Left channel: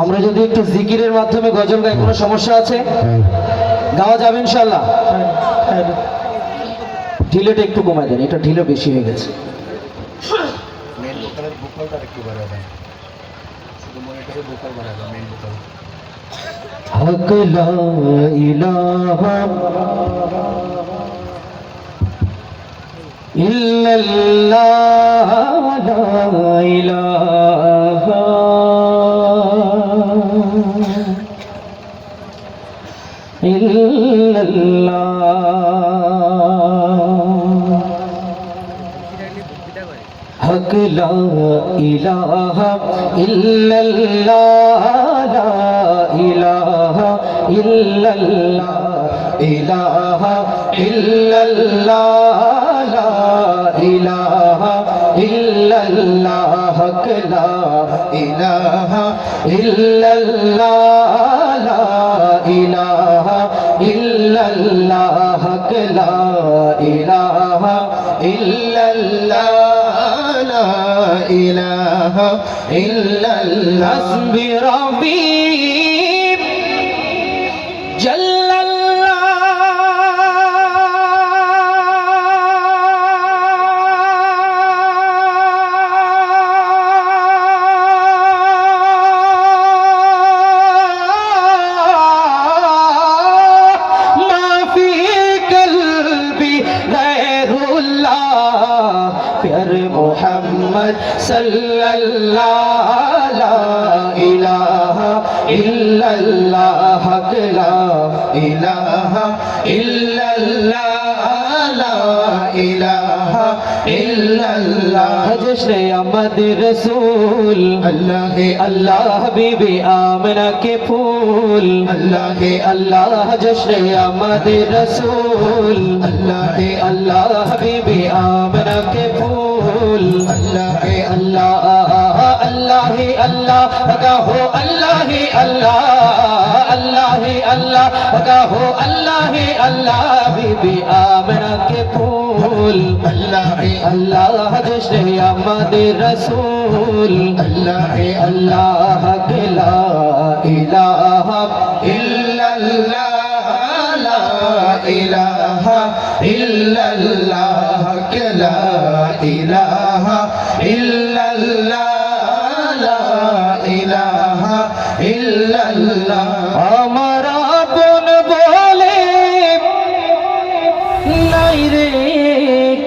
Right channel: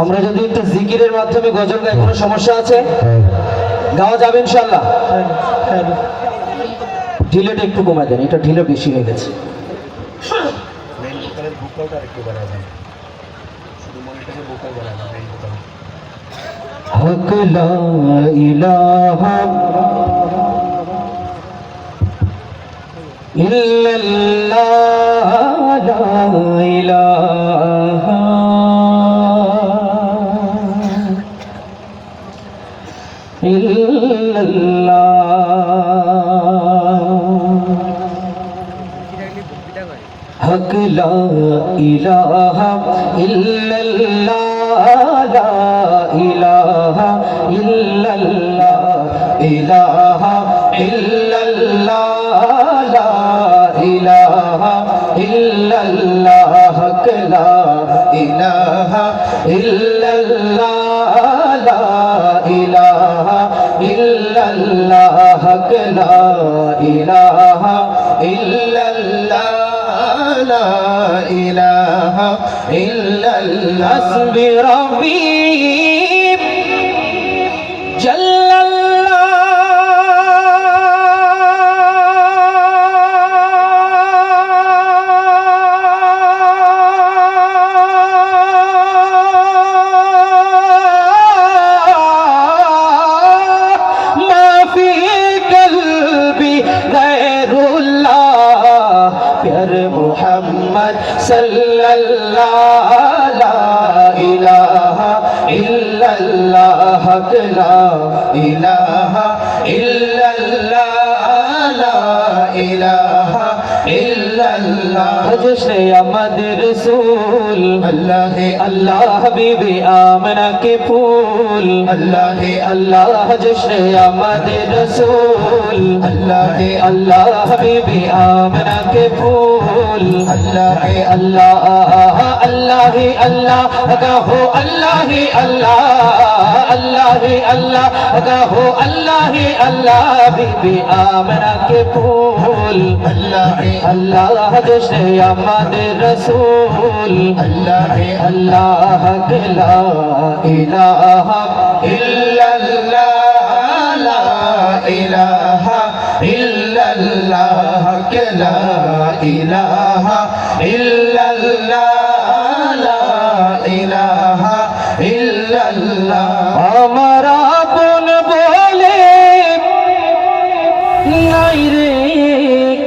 আমরা যদি একটু জিকিরের মাধ্যমে গজল গাই কোনো সমস্যা আছে? গাওয়া যাবে ইনশাল্লাহ ঢিলেটা একটু কমায় দেন এটা ঢিলে বেশি হয়ে গেছে। মেন হক লা ইলাহা ইল্লাল্লাহ, লা ইলাহা ইল্লাল্লাহ ইলাহা ইল্লাল্লাহ লা ইলাহা ইল্লাল্লাহ হক লা ইলাহা আল্লাহ হক লা ইলাহা ইল্লাল্লাহ লা ইলাহা ইল্লাল্লাহ صلى الله لا إله إلا الله لا إله إلا الله لا إله إلا الله جشن آمد رسول اللہ ہے اللہ حبیب آمنہ کے پھول اللہ ہے اللہ جشن آمد رسول اللہ ہے اللہ حبیب آمنہ کے پھول رسول اللہ ہے اللہ اللہ ہی اللہ ادا ہو اللہ ہی اللہ اللہ ہی اللہ ادا ہو اللہ ہی اللہ بی بی آمنہ کے پھول اللہ ہے اللہ جشن آمد رسول اللہ ہے اللہ کے لا الہ الا اللہ لا الہ الا اللہ کے لا الہ আমার আপন বলে নাই রে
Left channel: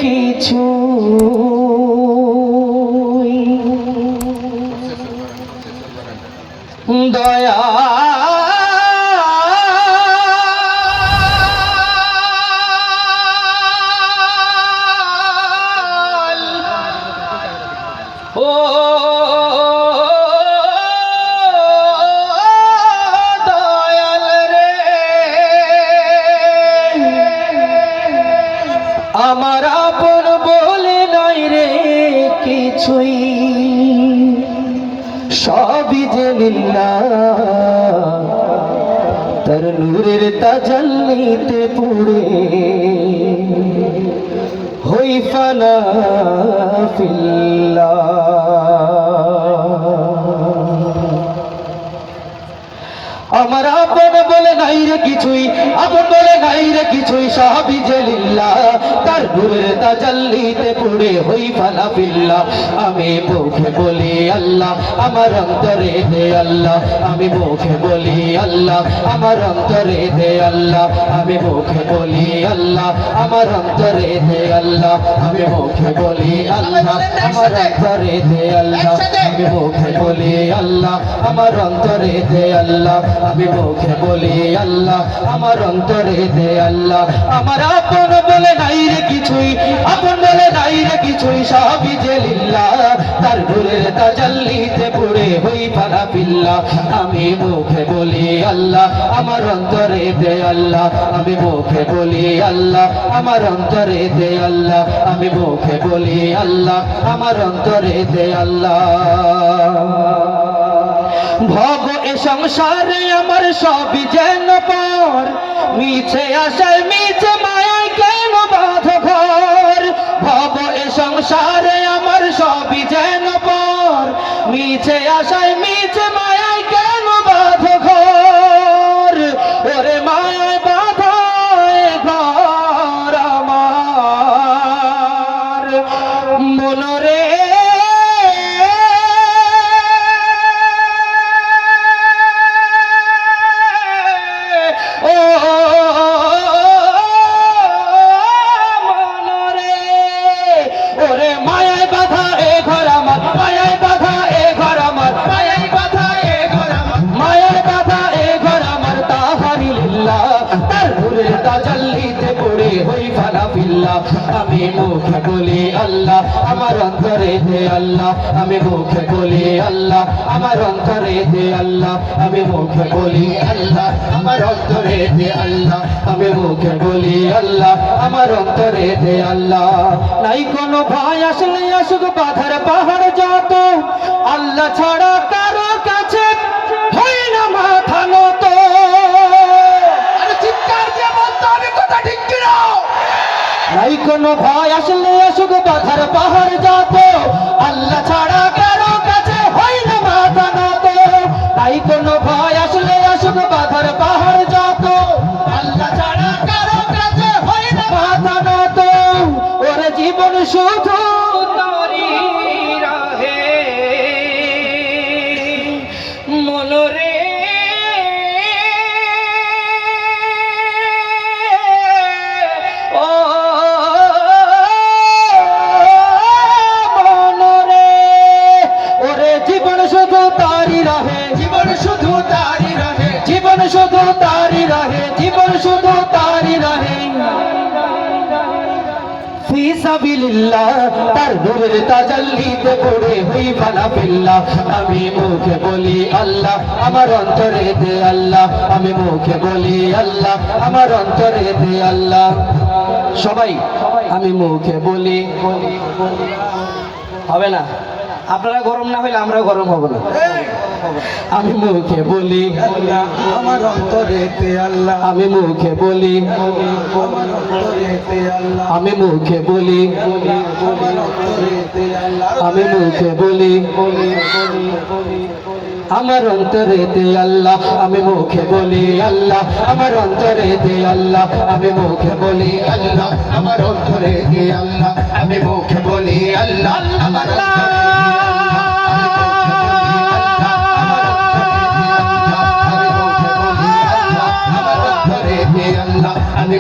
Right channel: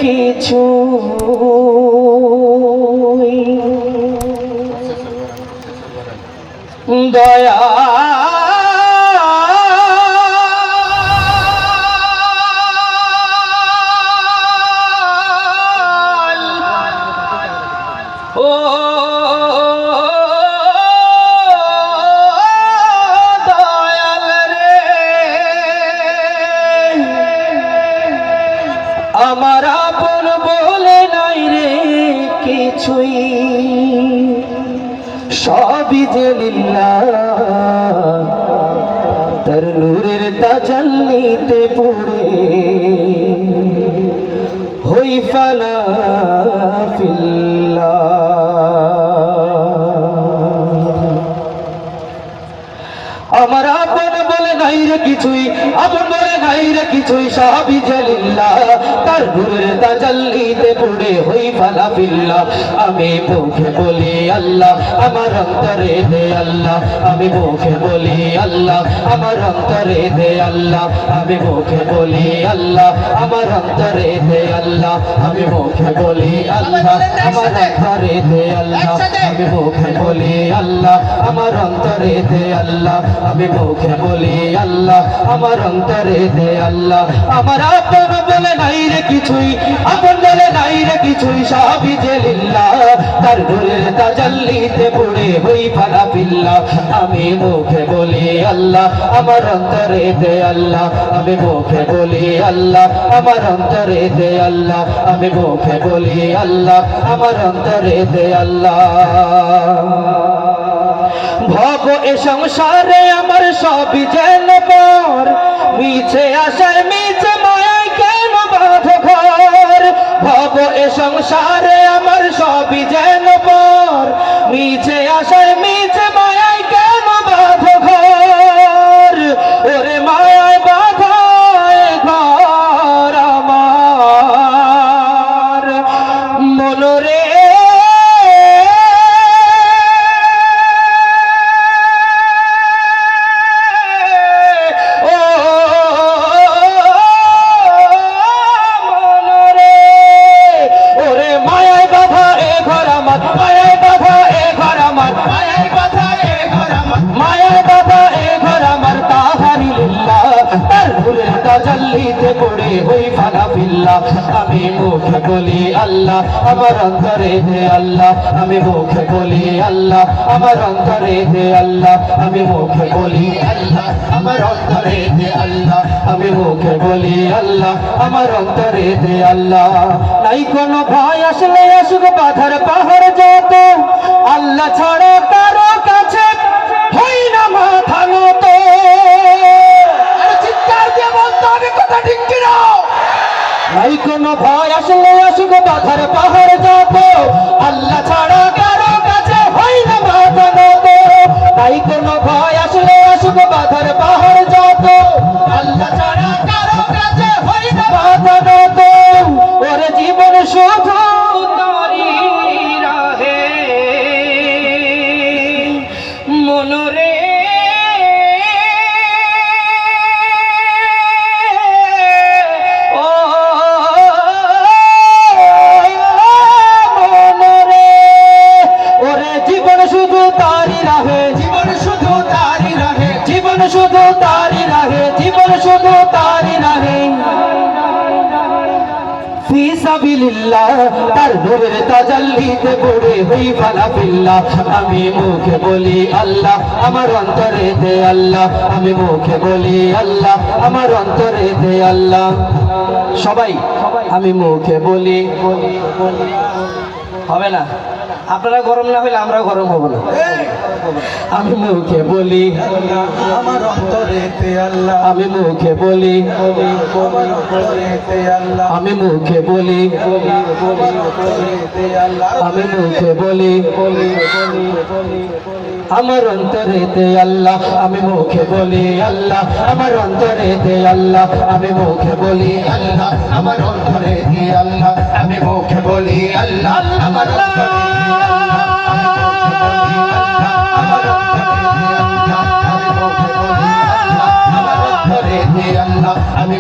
কিছু দয়া তার নূরের পড়ে হই ফালা আমার আপন বলে নাই রে কিছুই, আপন বলে নাই রে কিছুই, সাহাবি জালিল্লাহ তাজাল্লিতে পড়ে হই ফালা আমি মুখে বলি আল্লাহ, আমার অন্তরে দে আল্লাহ। আমি মুখে বলি আল্লাহ, আমার অন্তরে দে আল্লাহ। আমি মুখে বলি আল্লাহ, আমার অন্তরে দে আল্লাহ। আমি মুখে বলি আল্লাহ, আমার অন্তরে দে আল্লাহ। আমি মুখে বলি আল্লাহ, আমার অন্তরে দে আল্লাহ। আমি মুখে বলি আল্লাহ, আমার অন্তরে দে আল্লাহ। আমার আপন বলে তাজাল্লিতে পড়ে হই ফালা পিল্লা। আমি মুখে বলি আল্লাহ, আমার অন্তরে দে আল্লাহ। আমি মুখে বলি আল্লাহ, আমার অন্তরে দে আল্লাহ। আমি মুখে বলি আল্লাহ, আমার অন্তরে দে আল্লাহ। ভব এ সংসারে আমার সবই যেন পর মিছে আসায় মিছে মায়ায় কেন বাঁধ ঘর? ভব এ সংসারে আমি মুখে বলি আল্লাহ আমার অন্তরে দে আল্লাহ আমি মুখে বলি আল্লাহ আমার অন্তরে দে আল্লাহ আমি মুখে বলি আল্লাহ আমার অন্তরে দে আল্লাহ আমি মুখে বলি আল্লাহ আমার অন্তরে দে আল্লাহ নাই কোনো ভয় আসলে আসুক বাধার পাহাড় যত আল্লাহ ছাড়া আমি মুখে বলি আল্লাহ, আমার অন্তরে দে আল্লাহ। আমি মুখে বলি আল্লাহ, আমার অন্তরে দে আল্লাহ। সবাই, আমি মুখে বলি, হবে না? আপনারা গরম না হইলে আমরা গরম হব না। আমি মুখে বলি আমার অন্তরে তে আল্লাহ আমি মুখে বলি, আমি মুখে বলি, আমি মুখে বলি, আমার অন্তরে দে আল্লাহ, আমি মুখে বলি আল্লাহ, আমার অন্তরে দে আল্লাহ, আমি মুখে বলি আল্লাহ, আমার অন্তরে দে আল্লাহ। আমি